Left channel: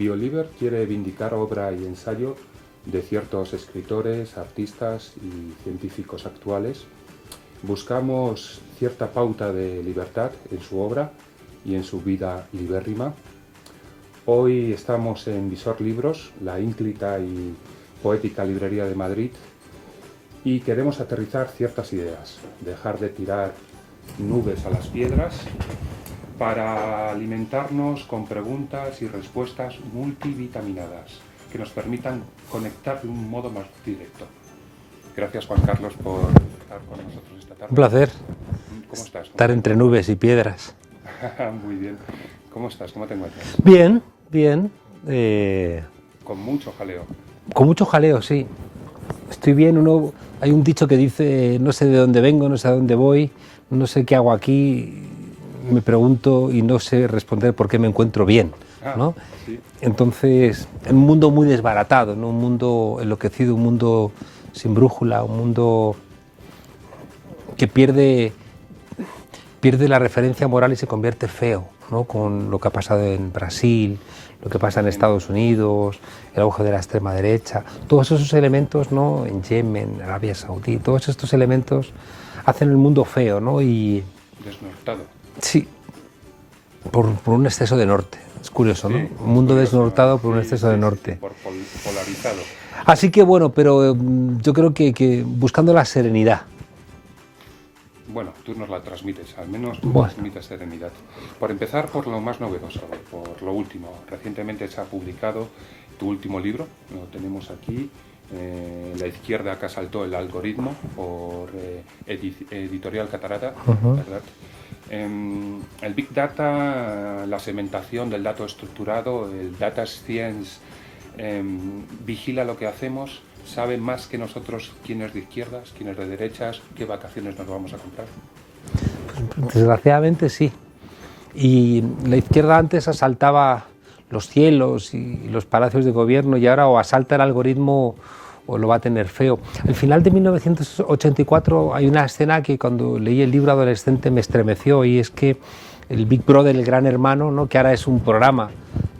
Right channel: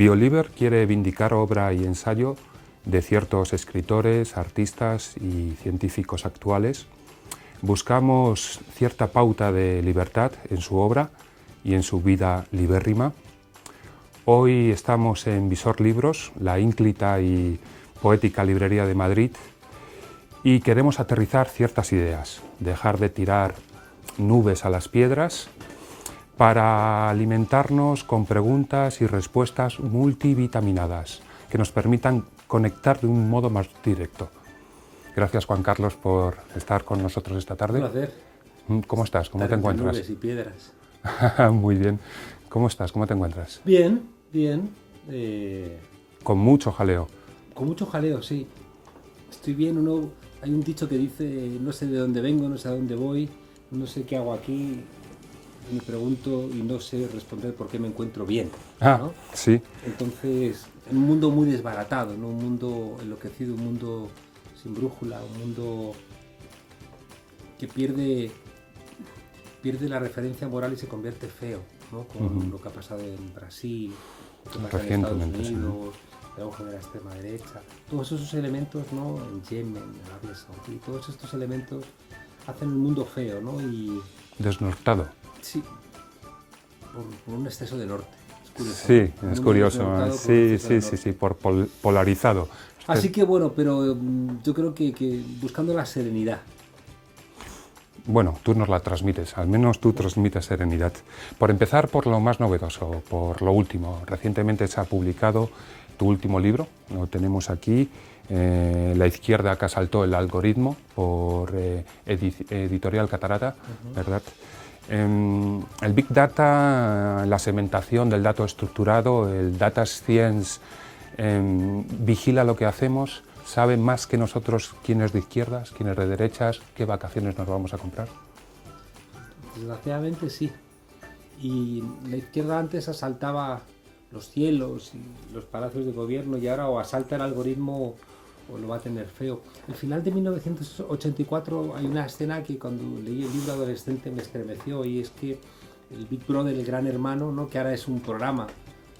Bioliber quiere vindicar obra y ensayo de ciertos escritores, artistas y científicos actuales. Buscamos cierta pauta de libertad en su obra y en su vida libérrima. Hoy estamos en Visor Libros, la ínclita y poética librería de Madrid, y queremos aterrizar ciertas ideas, dejar de tirar nubes a las piedras para alimentarnos con preguntas y respuestas multivitaminadas que nos permitan conectar de un modo más directo. Gracias, Juan Carlos, por estar con nosotros esta tarde. Un placer. ¿Cómo estás? ¿Cómo estar entre nubes y piedras. Muy bien. ¿Cómo estás? ¿Cómo te encuentras? Bien, bien. Con mucho jaleo. Con mucho jaleo, sí. Estoy bien. Hay un dicho que dice, no sé de dónde vengo, no sé a dónde voy, no sé qué hago aquí, me pregunto y no sé responder por qué me encuentro bien, ¿no? Sí. Entonces, en un mundo muy desbaratado, ¿no? Un mundo enloquecido, un mundo sin brújula, un mundo que pierde la referencia moral y se convierte feo, ¿no? Con lo que ha pasado en Brasil, lo que pasa en Estados Unidos, el auge de la extrema derecha, todos esos elementos, ¿no? En Yemen, Arabia Saudí, todos estos elementos hacen el mundo feo, ¿no? Y desnortado. Sí, por un exceso de norte. Es curioso, sí, ¿no? Un mundo desnortado por un exceso de norte. Sí, por polarizado. Así que bueno, pero yo creo que buscando la serenidad. Bueno, tú nos la transmites, al menos tú transmites serenidad. Por empezar, por lo más novedoso, por lo último. Recientemente se ha publicado tu último libro, lo tenemos aquí, La izquierda que asaltó el algoritmo, por Editorial Catarata, ¿verdad? El Big Data, la segmentación del dato estructurado, el Data Science, vigila lo que hacemos, sabe más que nosotros quién es de izquierdas, quién es de derechas, qué vacaciones nos vamos a comprar. Pues, desgraciadamente sí. Y la izquierda antes asaltaba los cielos y los palacios de gobierno y ahora o asalta el algoritmo o lo va a tener feo. Al final de 1984 hay una escena que cuando leí el libro adolescente me estremeció, y es que el Big Brother, el Gran Hermano, ¿no? Que ahora es un programa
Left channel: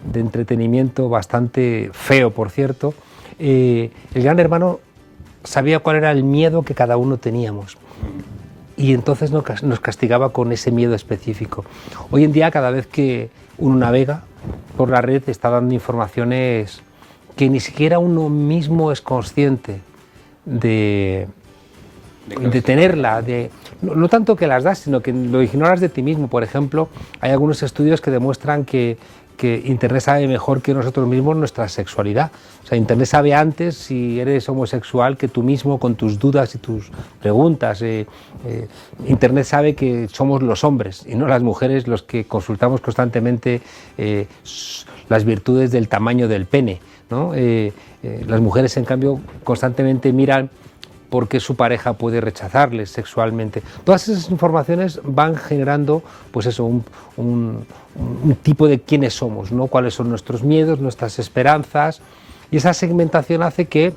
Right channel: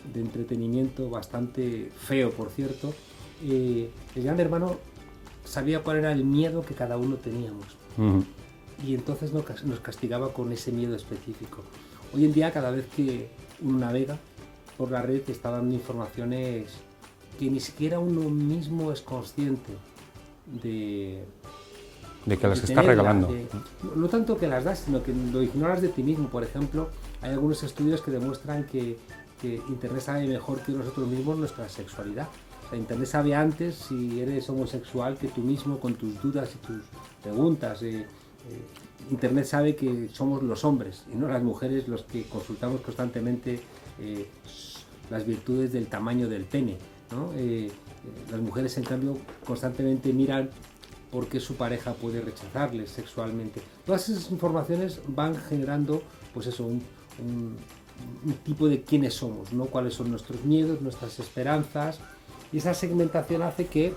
de entretenimiento bastante feo, por cierto, el Gran Hermano sabía cuál era el miedo que cada uno teníamos. Y entonces nos castigaba con ese miedo específico. Hoy en día, cada vez que uno navega por la red, está dando informaciones que ni siquiera uno mismo es consciente de tenerla, no tanto que las das, sino que lo ignoras de ti mismo. Por ejemplo, hay algunos estudios que demuestran que Internet sabe mejor que nosotros mismos nuestra sexualidad. O sea, Internet sabe antes si eres homosexual que tú mismo, con tus dudas y tus preguntas. Internet sabe que somos los hombres y no las mujeres los que consultamos constantemente las virtudes del tamaño del pene, ¿no? Las mujeres, en cambio, constantemente miran por qué su pareja puede rechazarles sexualmente. Todas esas informaciones van generando, pues eso, un tipo de quiénes somos, ¿no? Cuáles son nuestros miedos, nuestras esperanzas, y esa segmentación hace que,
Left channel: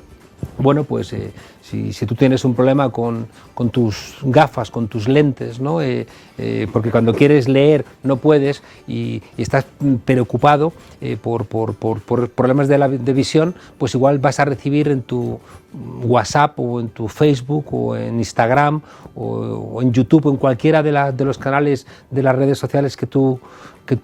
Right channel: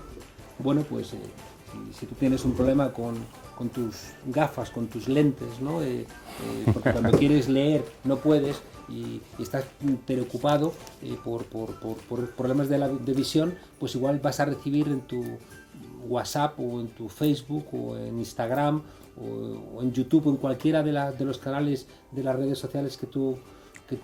bueno, pues si tú tienes un problema con tus gafas, con tus lentes, ¿no? Porque cuando quieres leer no puedes y estás preocupado por problemas de visión, pues igual vas a recibir en tu WhatsApp o en tu Facebook o en Instagram o en YouTube o en cualquiera de los canales de las redes sociales que tú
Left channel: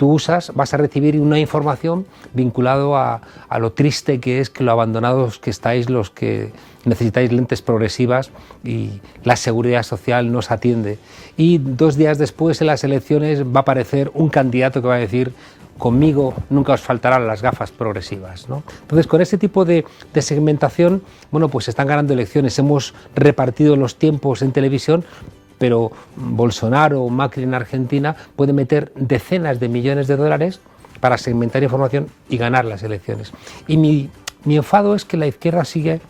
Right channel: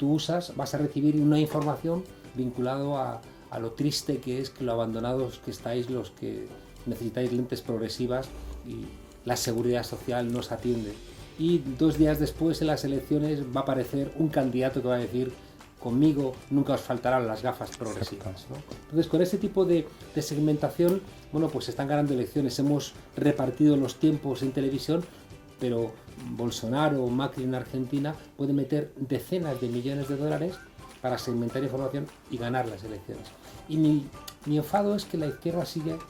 usas, vas a recibir una información vinculado a lo triste que es, que lo abandonados que estáis los que necesitáis lentes progresivas y la seguridad social no os atiende. Y 2 días después, en las elecciones, va a aparecer un candidato que va a decir: conmigo nunca os faltarán las gafas progresivas, ¿no? Entonces, con ese tipo de segmentación, bueno, pues se están ganando elecciones. Hemos repartido los tiempos en televisión, pero Bolsonaro o Macri en Argentina puede meter decenas de millones de dólares para segmentar información y ganar las elecciones. Y mi enfado es que la izquierda sigue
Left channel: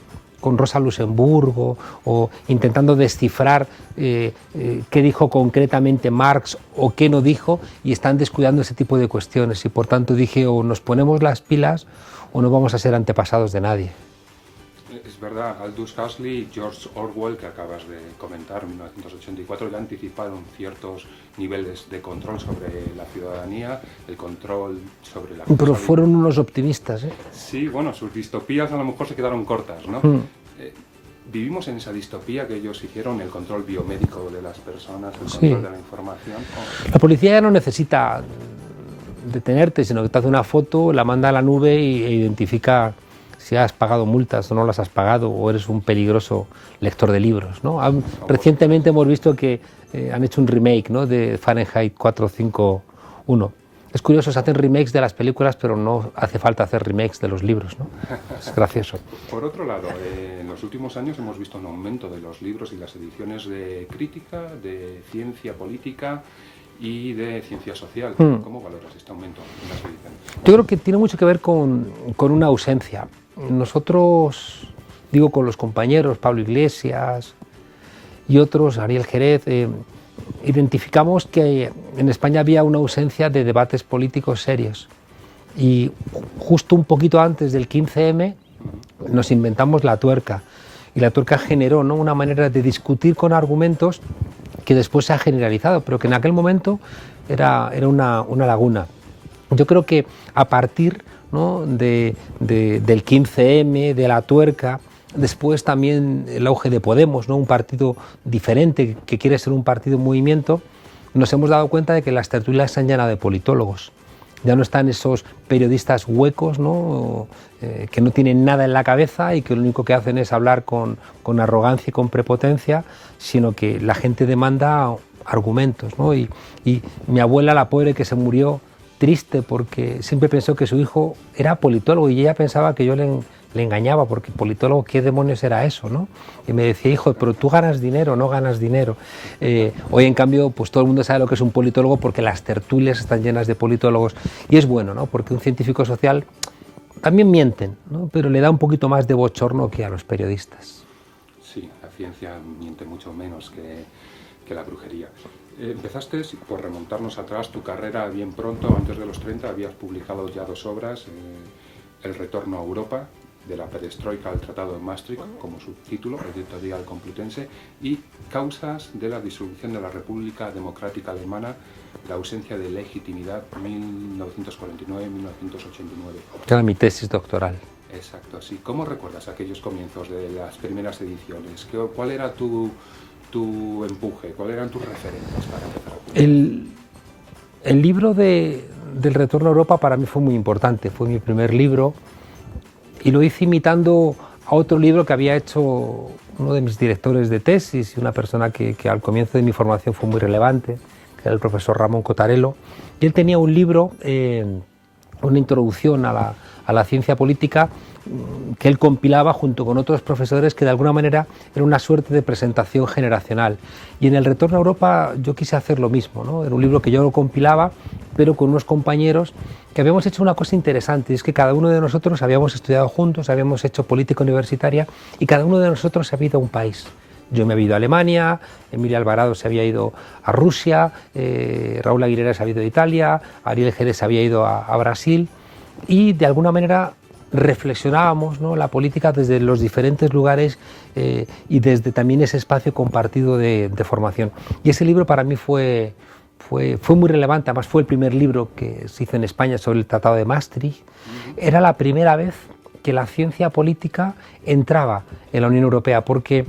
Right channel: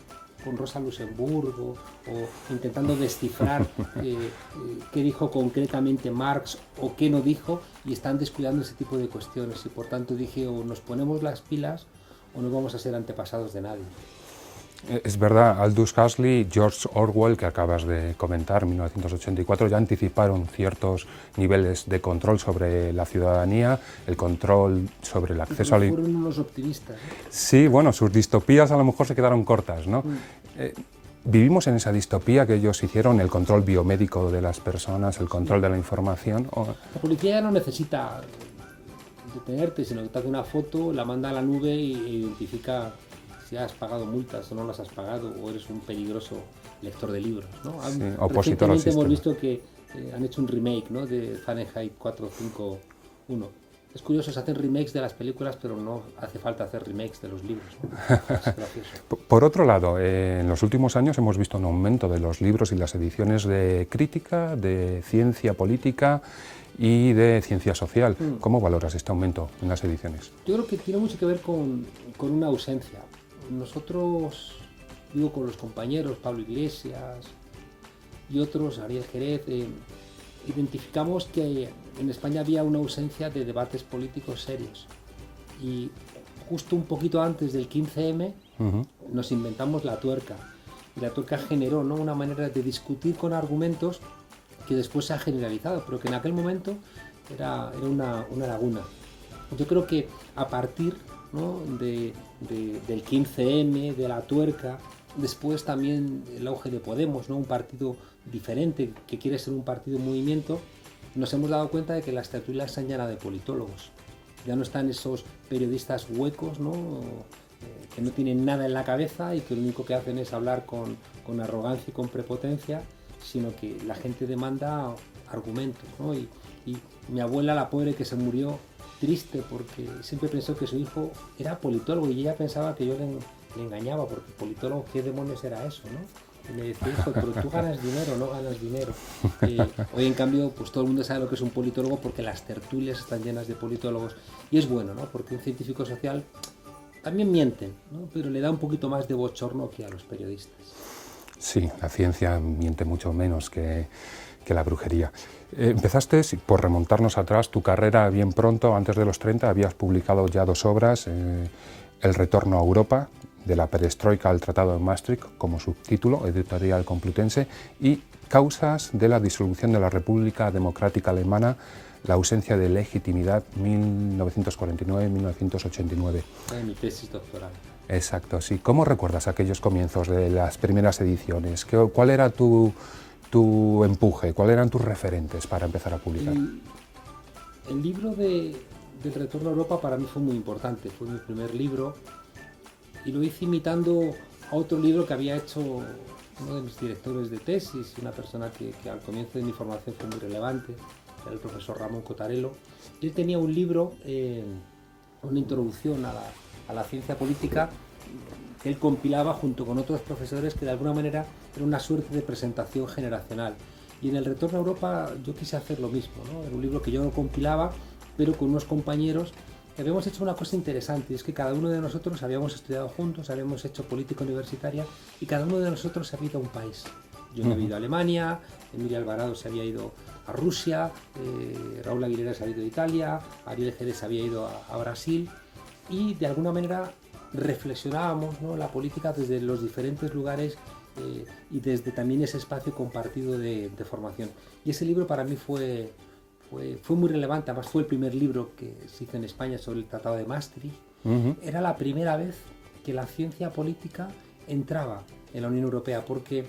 con Rosa Luxemburgo o intentando descifrar qué dijo concretamente Marx o qué no dijo, y están descuidando ese tipo de cuestiones. Y por tanto dije, o nos ponemos las pilas o no vamos a ser antepasados de nadie. Es verdad, Aldous Huxley, George Orwell, que acabas de comentar, 1984, ya anticiparon ciertos niveles de control sobre la ciudadanía, el control sobre el acceso Pero fueron unos optimistas, ¿eh? Sí, bueno, sus distopías a lo mejor se quedaron cortas, ¿no? ¿Vivimos en esa distopía que ellos hicieron, el control biomédico de las personas, el control de la información? La policía ya no necesita detenerte, sino que te hace una foto, la manda a la nube e identifica si has pagado multas o no las has pagado, o eres un peligroso lector de libros, ¿no? Sí, recientemente hemos visto que han hecho un remake, ¿no?, de Fahrenheit 451. Es curioso, se hacen remakes de las películas, pero no hace falta hacer remakes de los libros, ¿no? Es gracioso. Por otro lado, en los últimos años hemos visto un aumento de los libros y las ediciones de crítica, de ciencia política y de ciencia social. ¿Cómo valoras este aumento en las ediciones? Yo creo que tiene mucho que ver con una ausencia. Nosotros, digo, con los compañeros, Pablo Iglesias y otros, Ariel Jerez, identificamos que en España había una ausencia de debates políticos serios. Y justo un poquito antes del 15M nos inventamos la tuerca. Y la tuerca generó, ¿no?, una manera de discutir con argumentos que después se ha generalizado, pero que en aquel momento era una laguna. Yo creo que a partir, ¿no?, del 15M, de la tuerca, después también el auge de Podemos, ¿no?, un partido diferente que quiere ser un partido en movimiento, nos hemos dado cuenta de que las tertulias se han llenado de politólogos. Ya no están esos periodistas huecos, ¿no?, que no tienen nada en la cabeza y que lo único que hacen es hablar con arrogancia y con prepotencia, sino que la gente demanda argumentos, ¿no? Y mi abuela, la pobre, que se murió triste porque siempre pensó que su hijo era politólogo y ella pensaba que yo le engañaba, porque politólogo, ¿qué demonios era eso, no? Y me decía, hijo, pero tú ganas dinero, no ganas dinero. Hoy, en cambio, pues todo el mundo sabe lo que es un politólogo porque las tertulias están llenas de politólogos. Y es bueno, ¿no?, porque un científico social también mienten, ¿no?, pero le da un poquito más de bochorno que a los periodistas. Sí, la ciencia miente mucho menos que la brujería. Empezaste, por remontarnos atrás, tu carrera bien pronto, antes de los 30, habías publicado ya 2 obras, El retorno a Europa, de la perestroika al Tratado de Maastricht, como subtítulo, editorial Complutense, y Causas de la disolución de la República Democrática Alemana, la ausencia de legitimidad, 1949-1989. Era mi tesis doctoral. Exacto, sí. ¿Cómo recuerdas aquellos comienzos de las primeras ediciones? ¿Cuál era tu empuje? ¿Cuáles eran tus referentes para empezar a publicar? El libro del Retorno a Europa para mí fue muy importante. Fue mi primer libro y lo hice imitando a otro libro que había hecho uno de mis directores de tesis y una persona que al comienzo de mi formación fue muy relevante, que era el profesor Ramón Cotarello. Y él tenía un libro, una introducción a la ciencia política, que él compilaba junto con otros profesores, que de alguna manera era una suerte de presentación generacional. Y en El retorno a Europa yo quise hacer lo mismo, ¿no? Era un libro que yo lo compilaba, pero con unos compañeros que habíamos hecho una cosa interesante, y es que cada uno de nosotros habíamos estudiado juntos, habíamos hecho política universitaria, y cada uno de nosotros se había ido a un país. Yo me había ido a Alemania, Emilia Alvarado se había ido a Rusia, Raúl Aguilera se había ido a Italia, Ariel Jerez se había ido a Brasil, y de alguna manera reflexionábamos, ¿no?, la política desde los diferentes lugares y desde también ese espacio compartido de formación. Y ese libro para mí fue muy relevante, además fue el primer libro que se hizo en España sobre el Tratado de Maastricht. Era la primera vez que la ciencia política entraba en la Unión Europea, porque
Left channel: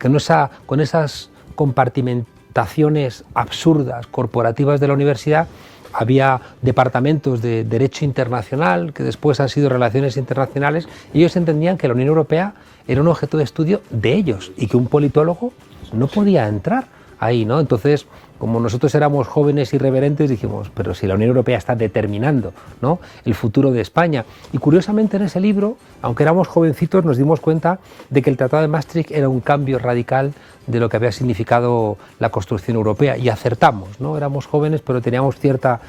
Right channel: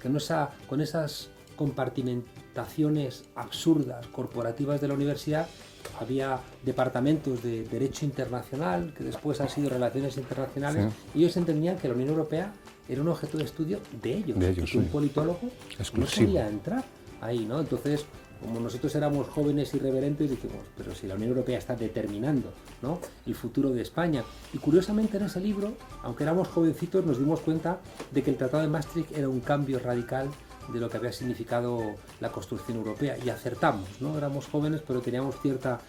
con esas compartimentaciones absurdas, corporativas de la universidad, había departamentos de Derecho Internacional, que después han sido Relaciones Internacionales, sí. Y ellos entendían que la Unión Europea era un objeto de estudio de ellos y que un politólogo no podía entrar ahí, ¿no? Entonces, como nosotros éramos jóvenes irreverentes, dijimos, pero si la Unión Europea está determinando, ¿no?, el futuro de España. Y curiosamente en ese libro, aunque éramos jovencitos, nos dimos cuenta de que el Tratado de Maastricht era un cambio radical de lo que había significado la construcción europea, y acertamos, ¿no? Éramos jóvenes, pero teníamos cierta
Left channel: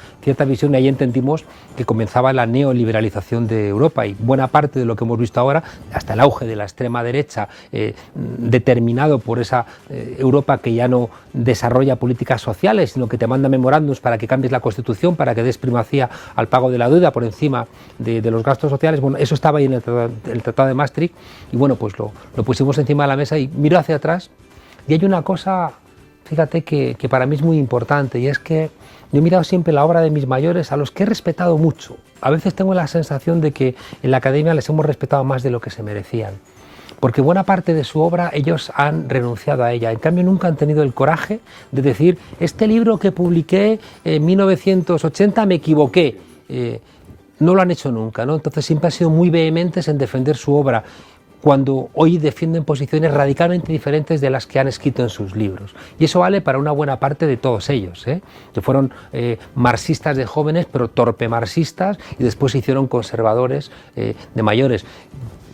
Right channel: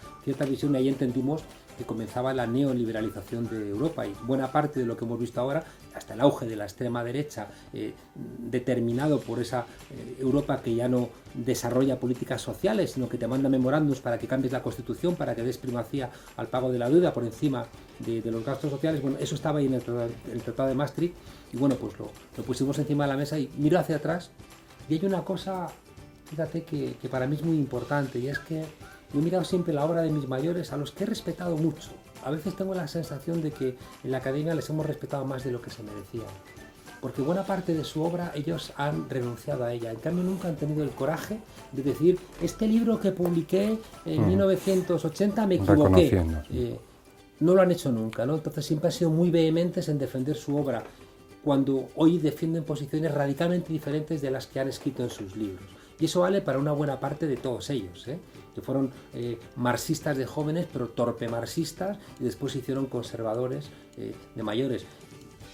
visión, y ahí entendimos que comenzaba la neoliberalización de Europa, y buena parte de lo que hemos visto ahora, hasta el auge de la extrema derecha, determinado por esa Europa que ya no desarrolla políticas sociales, sino que te manda memorándums para que cambies la Constitución, para que des primacía al pago de la deuda por encima de los gastos sociales. Bueno, eso estaba ahí en el Tratado de Maastricht, y bueno, pues lo pusimos encima de la mesa y miro hacia atrás, y hay una cosa, fíjate, que para mí es muy importante, y es que yo he mirado siempre la obra de mis mayores, a los que he respetado mucho. A veces tengo la sensación de que en la academia les hemos respetado más de lo que se merecían, porque buena parte de su obra ellos han renunciado a ella. En cambio, nunca han tenido el coraje de decir: este libro que publiqué en 1980 me equivoqué. No lo han hecho nunca, ¿no? Entonces siempre han sido muy vehementes en defender su obra, cuando hoy defienden posiciones radicalmente diferentes de las que han escrito en sus libros. Y eso vale para una buena parte de todos ellos, que fueron marxistas de jóvenes, pero torpe marxistas, y después se hicieron conservadores de mayores,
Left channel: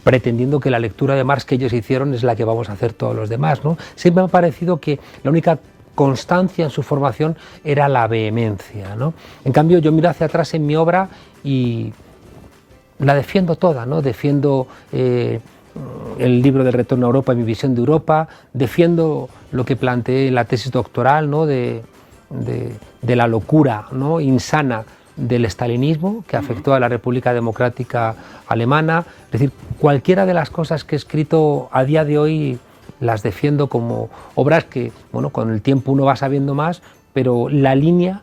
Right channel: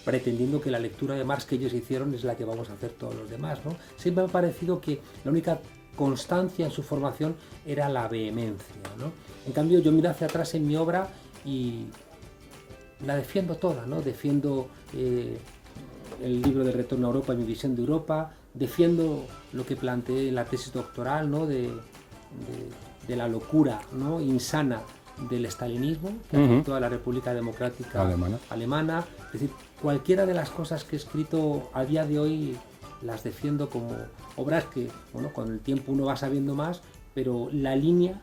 pretendiendo que la lectura de Marx que ellos hicieron es la que vamos a hacer todos los demás, ¿no? Siempre me ha parecido que la única constancia en su formación era la vehemencia, ¿no? En cambio, yo miro hacia atrás en mi obra y la defiendo toda, ¿no? Defiendo el libro del Retorno a Europa y mi visión de Europa, defiendo lo que planteé en la tesis doctoral, ¿no? de la locura, ¿no? insana del estalinismo que afectó a la República Democrática Alemana. Es decir, cualquiera de las cosas que he escrito a día de hoy las defiendo como obras que, bueno, con el tiempo uno va sabiendo más, pero la línea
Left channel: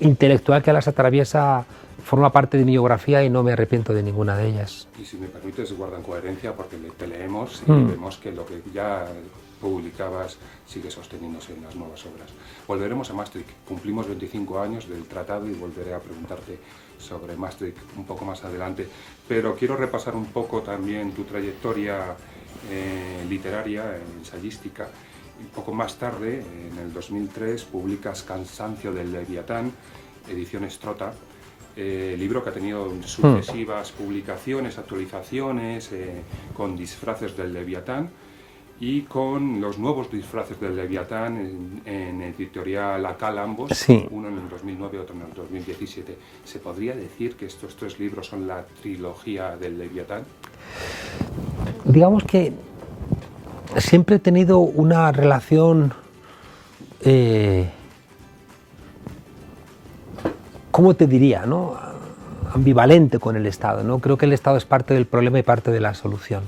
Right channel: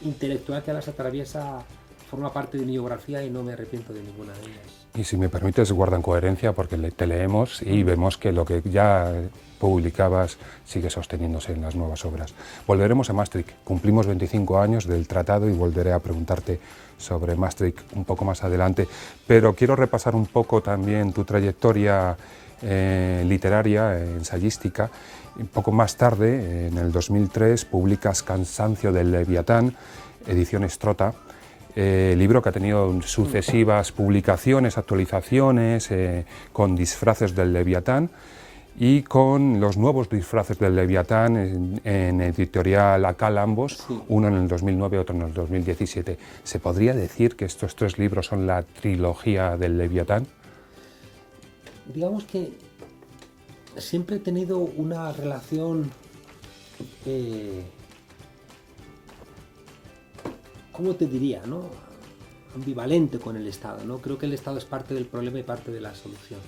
intelectual que las atraviesa forma parte de mi biografía y no me arrepiento de ninguna de ellas. Y si me permites, guardan coherencia, porque te leemos y vemos que lo que ya publicabas sigue sosteniéndose en las nuevas obras. Volveremos a Maastricht. Cumplimos 25 años del tratado y volveré a preguntarte sobre Maastricht un poco más adelante, pero quiero repasar un poco también tu trayectoria literaria, ensayística. Un poco más tarde, en el 2003, publicas Cansancio del Leviatán, edición Estrota, libro que ha tenido sucesivas publicaciones, actualizaciones, con disfraces del Leviatán y con los nuevos disfraces del Leviatán en editorial Acal ambos, sí. Uno en el 2009 y otro en el 2017. ¿Se podría decir que estos tres libros son la trilogía del Leviatán? Digamos que siempre he tenido una relación ¿cómo te diría, no? Ambivalente con el Estado, ¿no? Creo que el Estado es parte del problema y parte de la solución.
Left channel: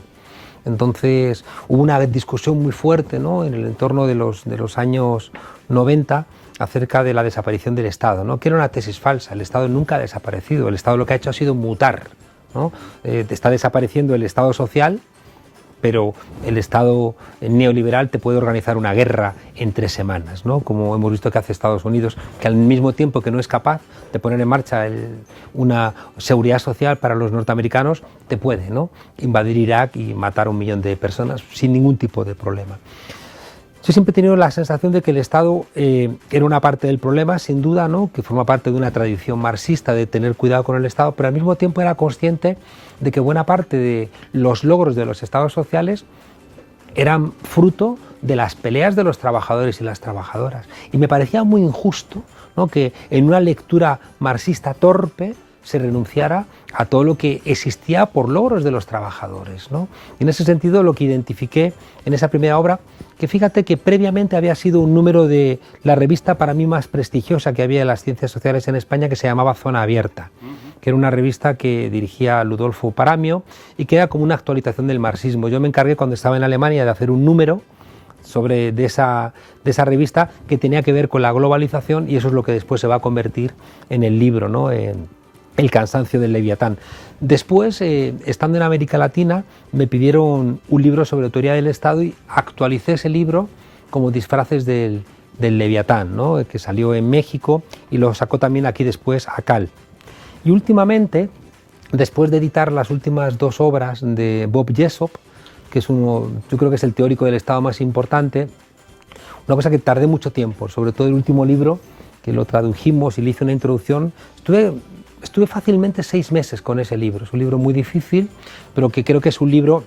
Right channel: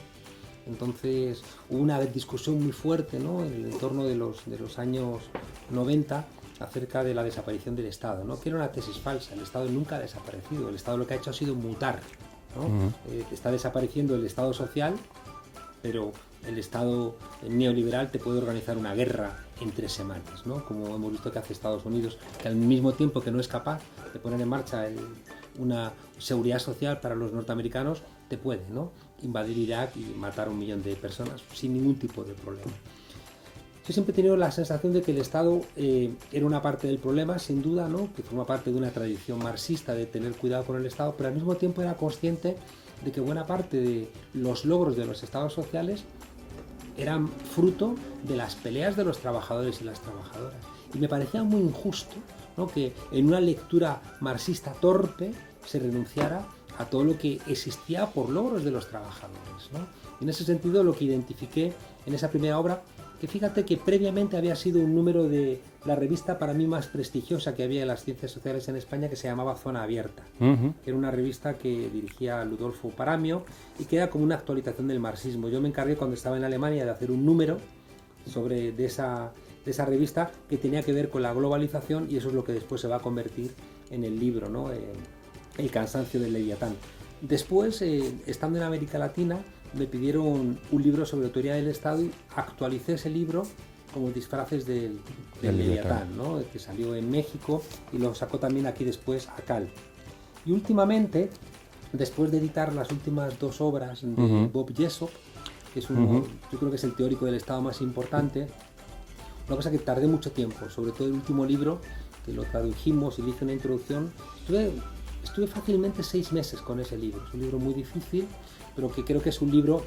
Entonces hubo una discusión muy fuerte, ¿no? En el entorno de los años 90 acerca de la desaparición del Estado, ¿no? Que era una tesis falsa. El Estado nunca ha desaparecido. El Estado lo que ha hecho ha sido mutar, ¿no? Está desapareciendo el Estado social, pero el Estado neoliberal te puede organizar una guerra en 3 semanas, ¿no? Como hemos visto que hace Estados Unidos, que al mismo tiempo que no es capaz de poner en marcha una seguridad social para los norteamericanos, te puede, ¿no? Invadir Irak y matar a 1 millón de personas sin ningún tipo de problema. Yo siempre he tenido la sensación de que el Estado era una parte del problema, sin duda, ¿no? Que forma parte de una tradición marxista de tener cuidado con el Estado, pero al mismo tiempo era consciente de que buena parte de los logros de los estados sociales eran fruto de las peleas de los trabajadores y las trabajadoras. Y me parecía muy injusto, ¿no? Que en una lectura marxista torpe se renunciara a todo lo que existía por logros de los trabajadores, ¿no? Y en ese sentido lo que identifiqué en esa primera obra, que fíjate que previamente había sido un número de la revista para mí más prestigiosa que había de las ciencias sociales en España, que se llamaba Zona Abierta, que era una revista que dirigía Ludolfo Paramio y que era como una actualización del marxismo. Yo me encargué cuando estaba en Alemania de hacer un número de esa revista que tenía que ver con la globalización, y eso es lo que después se va a convertir en el libro, ¿no? El cansancio del Leviatán. Después, estando en América Latina, me pidieron un libro sobre teoría del Estado y actualicé ese libro como disfraces del Leviatán, ¿no? Que salió en México y lo sacó también aquí después Acal. Y últimamente, después de editar las últimas 2 obras de Bob Jessop, que es uno, yo creo que es el teórico del Estado más importante, una cosa que tardé mucho tiempo, sobre todo el último libro, que lo tradujimos y le hice una introducción, estuve fácilmente 6 meses con ese libro. Es un libro muy difícil, pero que creo que es un libro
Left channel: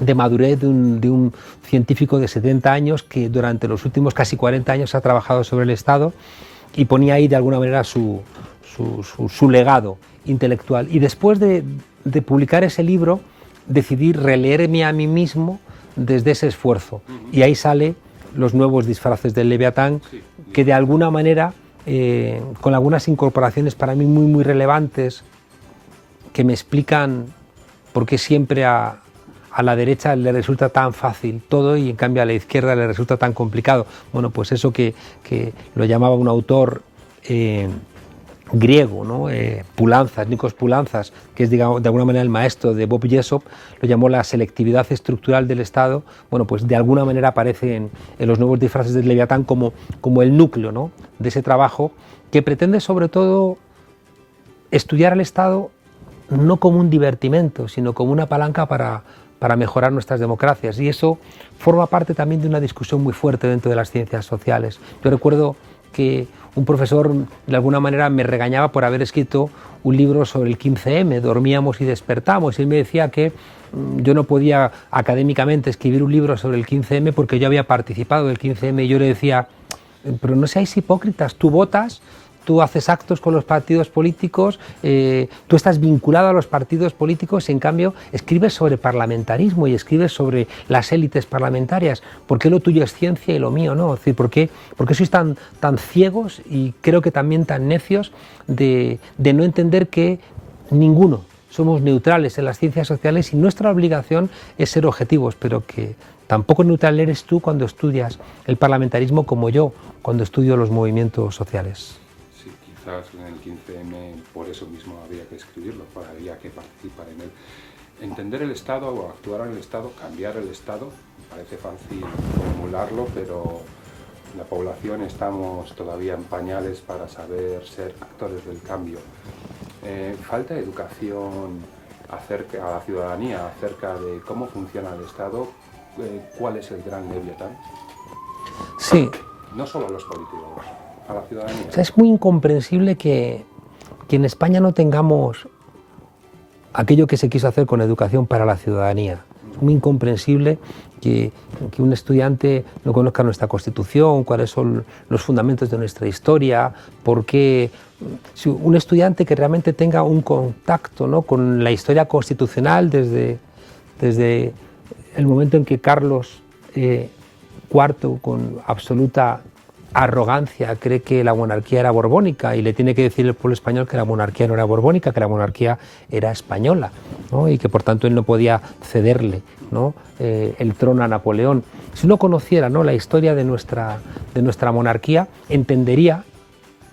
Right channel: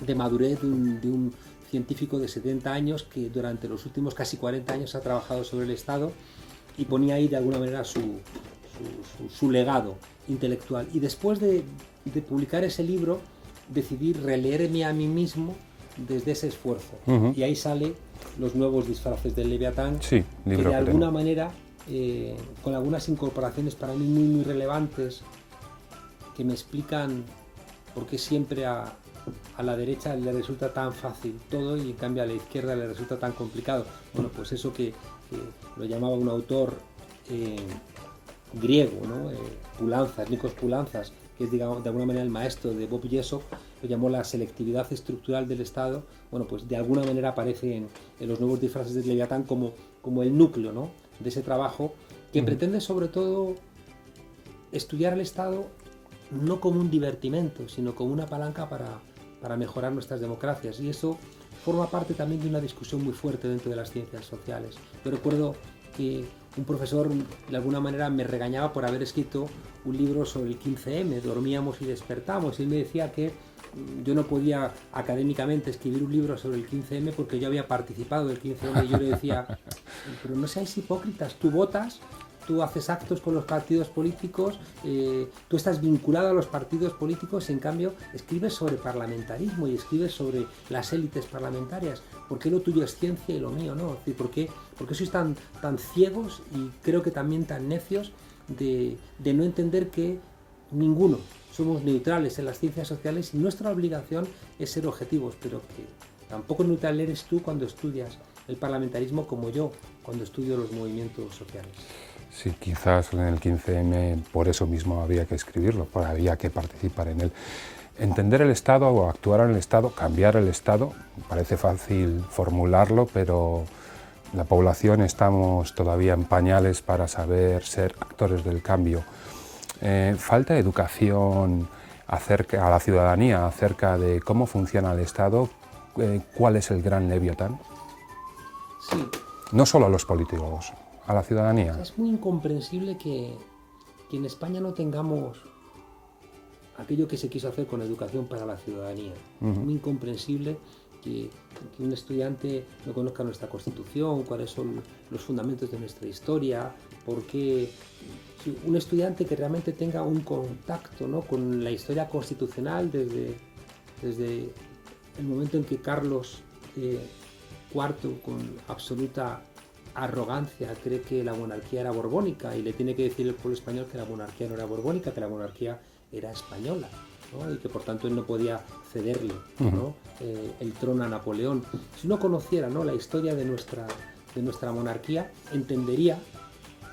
de madurez de un científico de 70 años que durante los últimos casi 40 años ha trabajado sobre el Estado y ponía ahí de alguna manera su legado intelectual. Y después de publicar ese libro decidí releerme a mí mismo desde ese esfuerzo. Y ahí sale Los nuevos disfraces del Leviatán, sí, que de alguna manera, con algunas incorporaciones para mí muy relevantes, que me explican por qué siempre a la derecha le resulta tan fácil todo y en cambio a la izquierda le resulta tan complicado. Bueno, pues eso que lo llamaba un autor griego, ¿no? Nikos Poulantzas, que es, digamos, de alguna manera el maestro de Bob Jessop, lo llamó la selectividad estructural del Estado. Bueno, pues de alguna manera aparece en Los nuevos disfraces del Leviatán como el núcleo, ¿no?, de ese trabajo que pretende sobre todo estudiar al Estado no como un divertimento, sino como una palanca para mejorar nuestras democracias. Y eso forma parte también de una discusión muy fuerte dentro de las ciencias sociales. Yo recuerdo que un profesor de alguna manera me regañaba por haber escrito un libro sobre el 15M, Dormíamos y despertamos, y él me decía que yo no podía académicamente escribir un libro sobre el 15M porque yo había participado del 15M, y yo le decía, pero no seáis hipócritas, tú votas, tú haces actos con los partidos políticos, tú estás vinculado a los partidos políticos, en cambio escribes sobre parlamentarismo y escribes sobre las élites parlamentarias. ¿Por qué lo tuyo es ciencia y lo mío no? Es decir, ¿por qué sois tan ciegos y creo que también tan necios de no entender que ninguno somos neutrales en las ciencias sociales y nuestra obligación es ser objetivos, pero que tampoco neutral eres tú cuando estudias el parlamentarismo como yo cuando estudio los movimientos sociales? Sí, quizás en el 15M por eso mismo había que escribirlo, había que participar en él. Entender el Estado o actuar en el Estado, cambiar el Estado, parece fácil formularlo, pero la población estamos todavía en pañales para saber ser actores del cambio. Falta educación a la ciudadanía acerca de cómo funciona el Estado, cuál es el gran Leviatán. Sí. No solo a los políticos, a la ciudadanía. O sea, es muy incomprensible que en España no tengamos aquello que se quiso hacer con educación para la ciudadanía. Es muy incomprensible que un estudiante no conozca nuestra Constitución, cuáles son los fundamentos de nuestra historia, porque si un estudiante que realmente tenga un contacto, ¿no?, con la historia constitucional desde el momento en que Carlos IV, con absoluta arrogancia, cree que la monarquía era borbónica y le tiene que decir el pueblo español que la monarquía no era borbónica, que la monarquía era española, ¿no?, y que por tanto él no podía cederle, ¿no?, el trono a Napoleón. Si uno conociera, ¿no?, la historia de nuestra monarquía, entendería,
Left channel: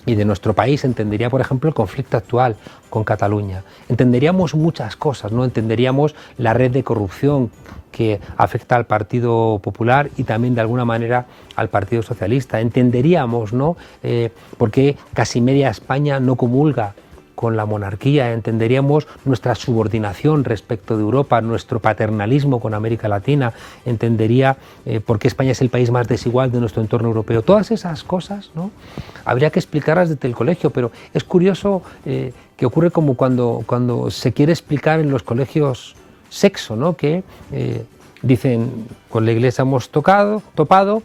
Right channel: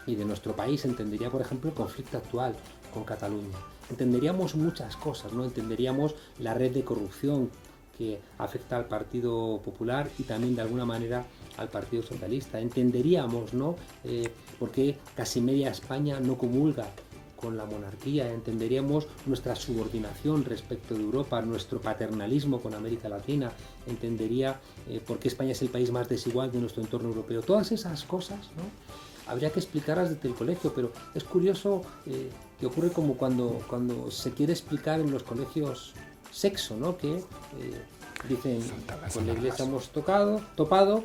y de nuestro país, entendería, por ejemplo, el conflicto actual con Cataluña. Entenderíamos muchas cosas, ¿no? Entenderíamos la red de corrupción que afecta al Partido Popular y también de alguna manera al Partido Socialista. Entenderíamos, ¿no?, por qué casi media España no comulga con la monarquía. Entenderíamos nuestra subordinación respecto de Europa, nuestro paternalismo con América Latina. Entendería por qué España es el país más desigual de nuestro entorno europeo. Todas esas cosas, ¿no?, habría que explicarlas desde el colegio, pero es curioso que ocurre como cuando se quiere explicar en los colegios sexo, ¿no?, que dicen, con la Iglesia hemos topado,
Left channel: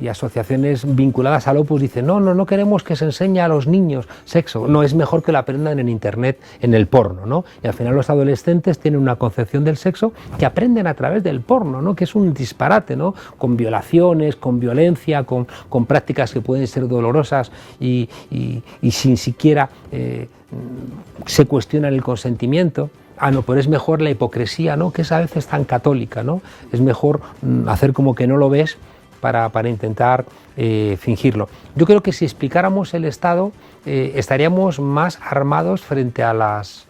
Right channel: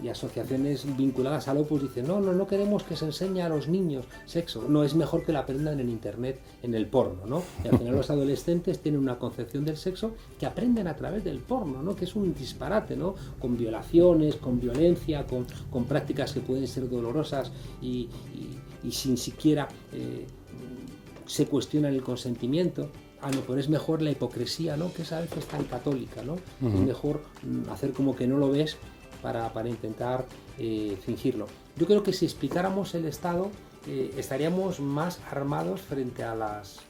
y asociaciones vinculadas al Opus dicen, no queremos que se enseñe a los niños sexo, no, es mejor que lo aprendan en Internet, en el porno, ¿no? Y al final los adolescentes tienen una concepción del sexo que aprenden a través del porno, ¿no?, que es un disparate, ¿no?, con violaciones, con violencia, con prácticas que pueden ser dolorosas y sin siquiera se cuestiona el consentimiento. No, pero es mejor la hipocresía, ¿no?, que es a veces tan católica, ¿no? Es mejor hacer como que no lo ves para intentar fingirlo. Yo creo que si explicáramos el Estado estaríamos más armados frente a las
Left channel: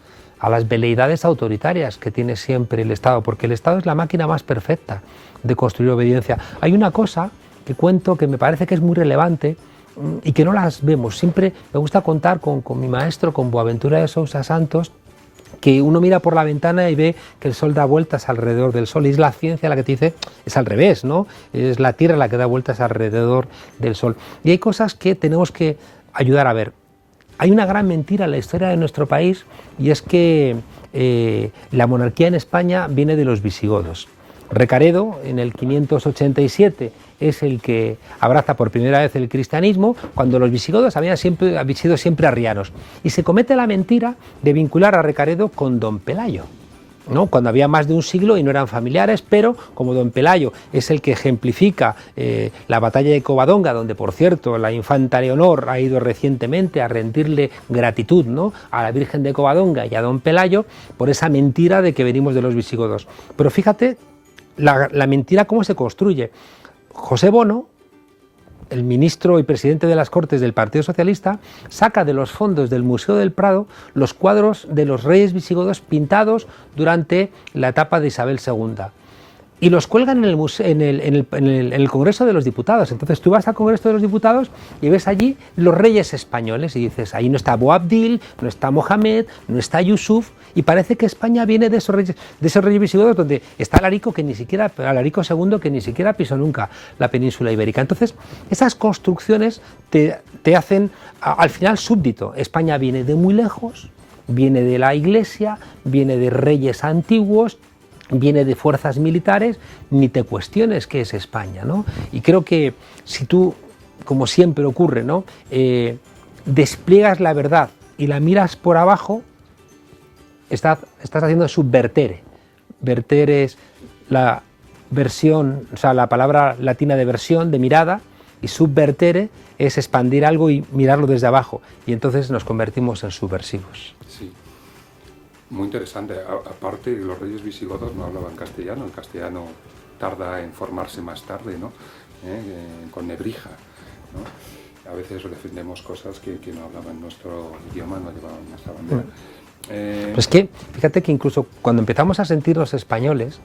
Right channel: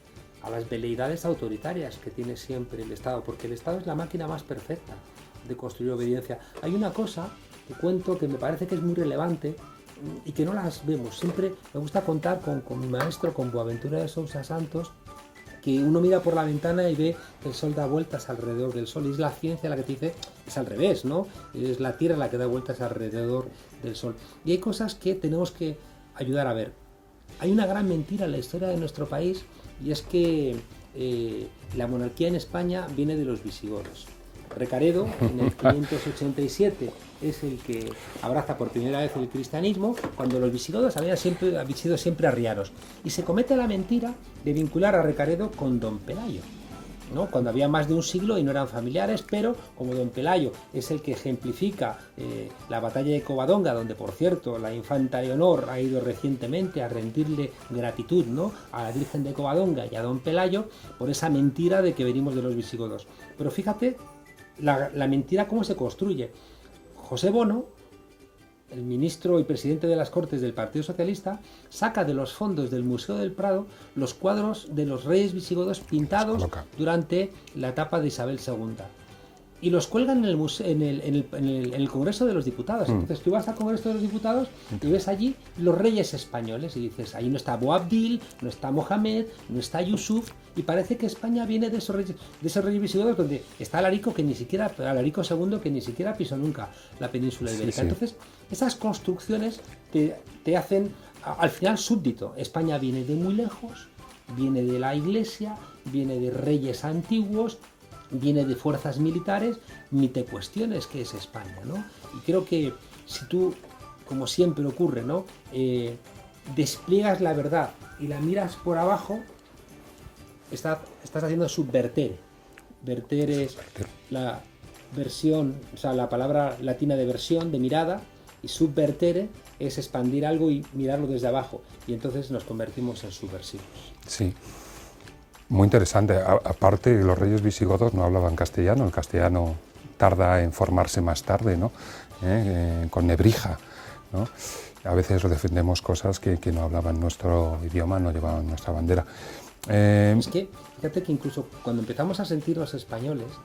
veleidades autoritarias que tiene siempre el Estado, porque el Estado es la máquina más perfecta de construir obediencia. Hay una cosa que cuento que me parece que es muy relevante y que no las vemos. Siempre me gusta contar con mi maestro, con Boaventura de Sousa Santos, que uno mira por la ventana y ve que el Sol da vueltas alrededor del Sol, y es la ciencia la que te dice, es al revés, ¿no? Es la Tierra la que da vueltas alrededor del Sol. Y hay cosas que tenemos que ayudar a ver. Hay una gran mentira en la historia de nuestro país, y es que la monarquía en España viene de los visigodos. Recaredo, en el 587, es el que abraza por primera vez el cristianismo, cuando los visigodos habían sido siempre arrianos. Y se comete la mentira de vincular a Recaredo con don Pelayo, ¿no? Cuando había más de un siglo y no eran familiares, pero como don Pelayo es el que ejemplifica la batalla de Covadonga, donde por cierto la infanta Leonor ha ido recientemente a rendirle gratitud, ¿no?, a la Virgen de Covadonga y a don Pelayo por esa mentira de que venimos de los visigodos. Pero fíjate la mentira cómo se construye. José Bono, el ministro y presidente de las Cortes del Partido Socialista, saca de los fondos del Museo del Prado los cuadros de los reyes visigodos pintados durante la etapa de Isabel II. Y los cuelgan en el Congreso de los Diputados. Entonces tú vas al Congreso de los Diputados y ves allí los reyes españoles y dices, ahí no está Boabdil, no está Mohamed, no está Yusuf, y parece que España viene de esos reyes visigodos, donde está Alarico, Alarico II, que ni siquiera pisó nunca la península ibérica. Entonces esas construcciones te hacen al final súbdito. España viene de muy lejos, viene de la Iglesia, viene de reyes antiguos, viene de fuerzas militares, ni te cuestiones qué es España, ¿no? Y creo que si tú, como siempre ocurre, ¿no?, despliegas la verdad y la miras por abajo, estás haciendo subvertere. Verter es la versión, o sea, la palabra latina de versión, de mirada, y subvertere es expandir algo y mirarlo desde abajo, y entonces nos convertimos en subversivos. Sí. Muy interesante. Aparte, los reyes visigodos no hablaban castellano, el castellano tarda en formarse más tarde, ¿no? Con Nebrija, ¿no? A veces defendemos cosas que no hablaban nuestro idioma, no llevaban nuestra bandera. Es que, fíjate que incluso cuando empezamos a sentirnos españoles,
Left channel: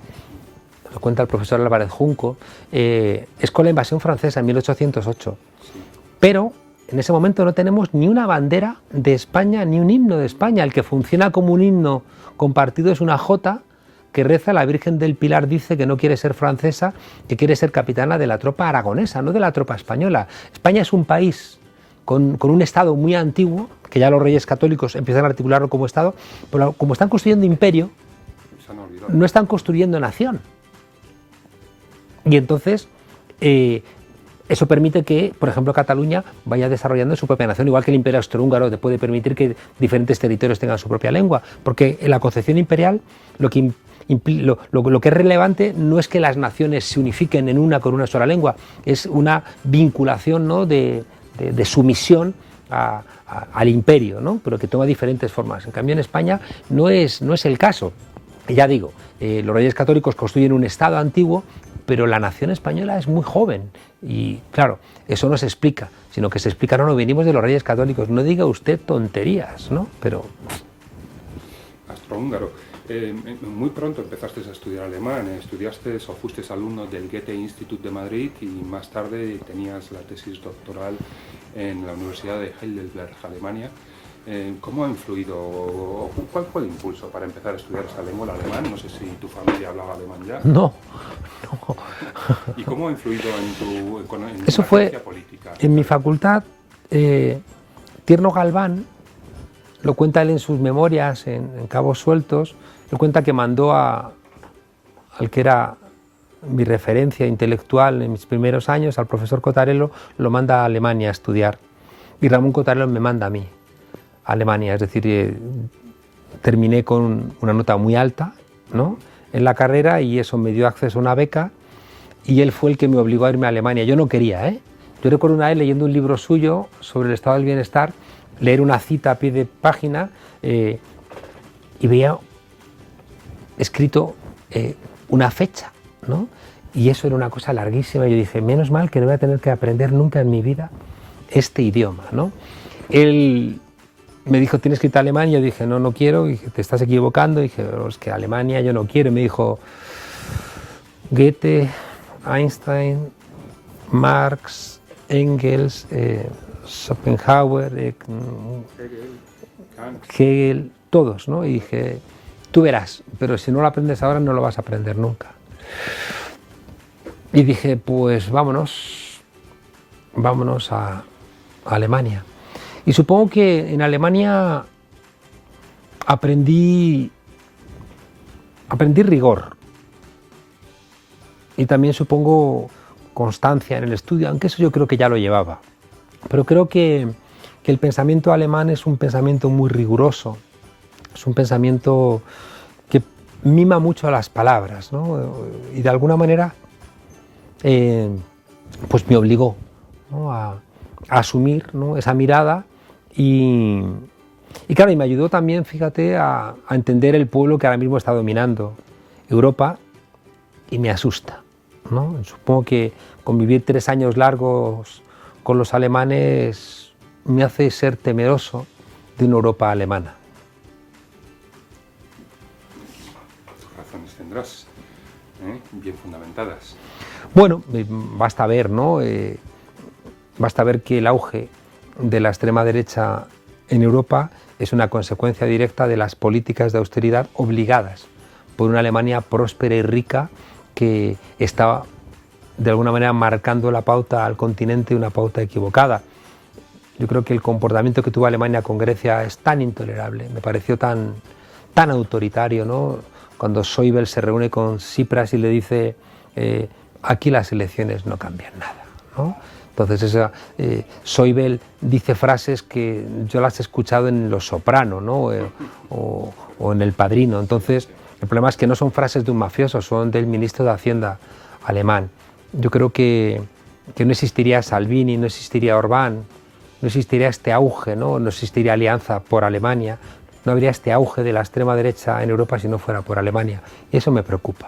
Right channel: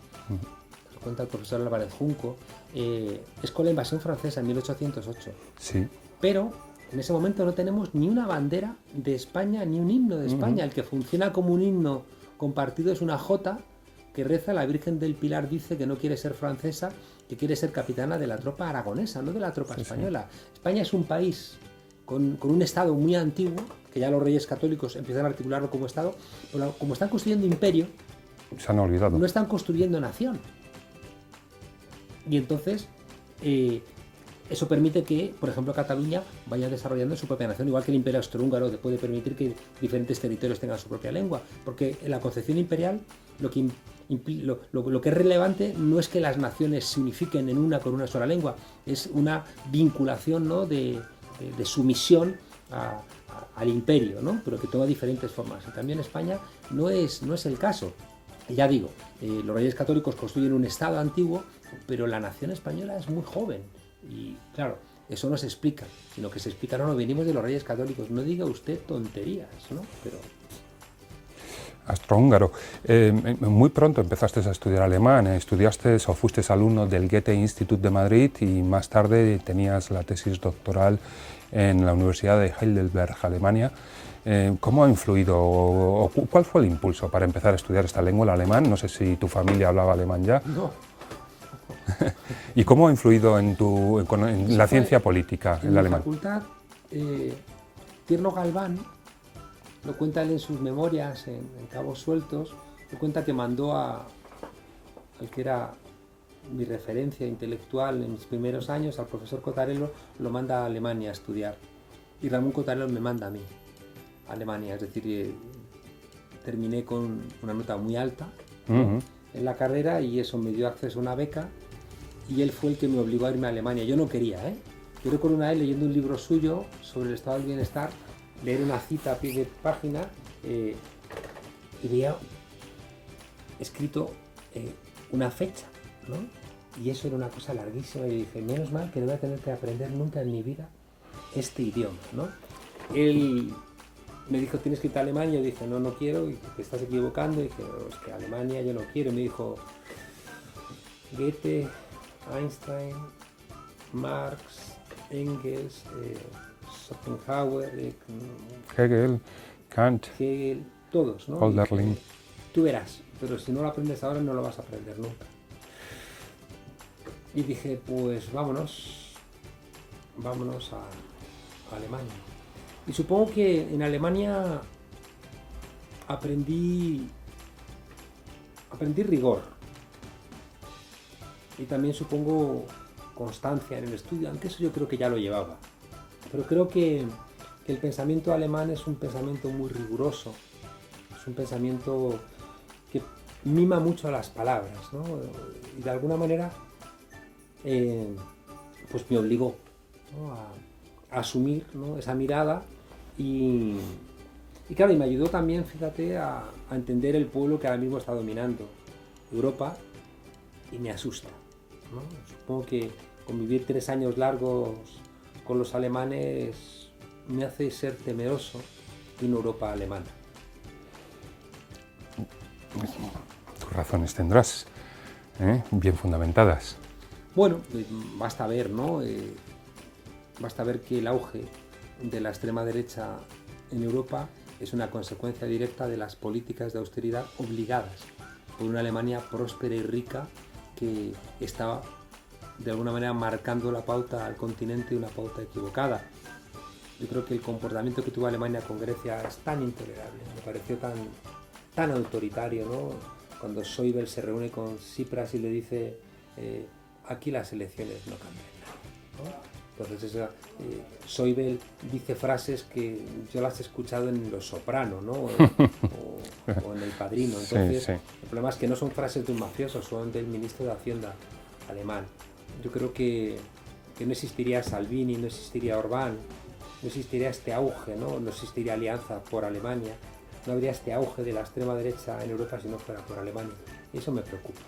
lo cuenta el profesor Álvarez Junco, es con la invasión francesa en 1808. Sí. Pero en ese momento no tenemos ni una bandera de España, ni un himno de España. El que funciona como un himno compartido es una jota que reza: la Virgen del Pilar dice que no quiere ser francesa, que quiere ser capitana de la tropa aragonesa, no de la tropa española. España es un país con un Estado muy antiguo, que ya los reyes católicos empiezan a articularlo como Estado, pero como están construyendo imperio, se han olvidado. No están construyendo nación. Y entonces eso permite que, por ejemplo, Cataluña vaya desarrollando su propia nación, igual que el Imperio Austrohúngaro te puede permitir que diferentes territorios tengan su propia lengua, porque en la concepción imperial lo que es relevante no es que las naciones se unifiquen en una con una sola lengua, es una vinculación, ¿no?, de sumisión al imperio, ¿no?, pero que toma diferentes formas. En cambio, en España no es el caso. Y ya digo, los reyes católicos construyen un Estado antiguo, pero la nación española es muy joven. Y claro, eso no se explica, sino que se explica, no, venimos de los reyes católicos, no diga usted tonterías, ¿no? Pero... Austrohúngaro. Muy pronto empezaste a estudiar alemán, estudiaste o fuiste alumno del Goethe Institut de Madrid y más tarde tenías la tesis doctoral en la Universidad de Heidelberg, Alemania. ¿Cómo ha influido o cuál fue el impulso para empezar a estudiar esta lengua, el alemán? No sé si tu familia hablaba alemán ya. No. ¿Y cómo ha influido en la ciencia política? En mi facultad, Tierno Galván, lo cuenta él en sus memorias, en Cabos Sueltos, él cuenta que mandó al que era mi referencia intelectual en mis primeros años, al profesor Cotarello, lo manda a Alemania a estudiar. Y Ramón Cotarello me manda a mí, a Alemania, es decir, terminé con una nota muy alta, ¿no?, en la carrera, y eso me dio acceso a una beca, y él fue el que me obligó a irme a Alemania. Yo no quería, ¿eh? Yo recuerdo una vez leyendo un libro suyo sobre el estado del bienestar, leer una cita a pie de página y veía escrito una fecha, ¿no? Y eso era una cosa larguísima. Yo dije, menos mal que no voy a tener que aprender nunca en mi vida este idioma, ¿no? Él me dijo, tienes que irte a Alemania. Yo dije, no quiero. Y dije, te estás equivocando. Y dije, es que Alemania yo no quiero. Y me dijo, Goethe, Einstein, Marx, Engels, Schopenhauer, Hegel, Kant, todos, ¿no? Y dije, tú verás, pero si no lo aprendes ahora no lo vas a aprender nunca. Y dije, pues vámonos a Alemania. Y supongo que en Alemania aprendí rigor. y también supongo constancia en el estudio, aunque eso yo creo que ya lo llevaba. Pero creo que el pensamiento alemán es un pensamiento muy riguroso, es un pensamiento que mima mucho a las palabras, ¿no? Y de alguna manera pues me obligó, ¿no?, a asumir, ¿no?, esa mirada y claro, y me ayudó también, fíjate, a entender el pueblo que ahora mismo está dominando Europa y me asusta, ¿no? Supongo que convivir 3 años largos con los alemanes me hace ser temeroso de una Europa alemana. Tus razones tendrás, bien fundamentadas. Bueno, basta ver, ¿no? Basta ver que el auge de la extrema derecha en Europa es una consecuencia directa de las políticas de austeridad obligadas por una Alemania próspera y rica que estaba de alguna manera marcando la pauta al continente, una pauta equivocada. Yo creo que el comportamiento que tuvo Alemania con Grecia es tan intolerable, me pareció tan autoritario, ¿no? Cuando Schäuble se reúne con Tsipras y le dice aquí las elecciones no cambian nada, ¿no? Entonces Schäuble dice frases que yo las he escuchado en Los Soprano, ¿no? o en El Padrino. Entonces sí. El problema es que no son frases de un mafioso, son del ministro de Hacienda alemán. Yo creo que no existiría Salvini, no existiría Orbán, no existiría este auge, ¿no? No existiría Alianza por Alemania, no habría este auge de la extrema derecha en Europa si no fuera por Alemania. Y eso me preocupa.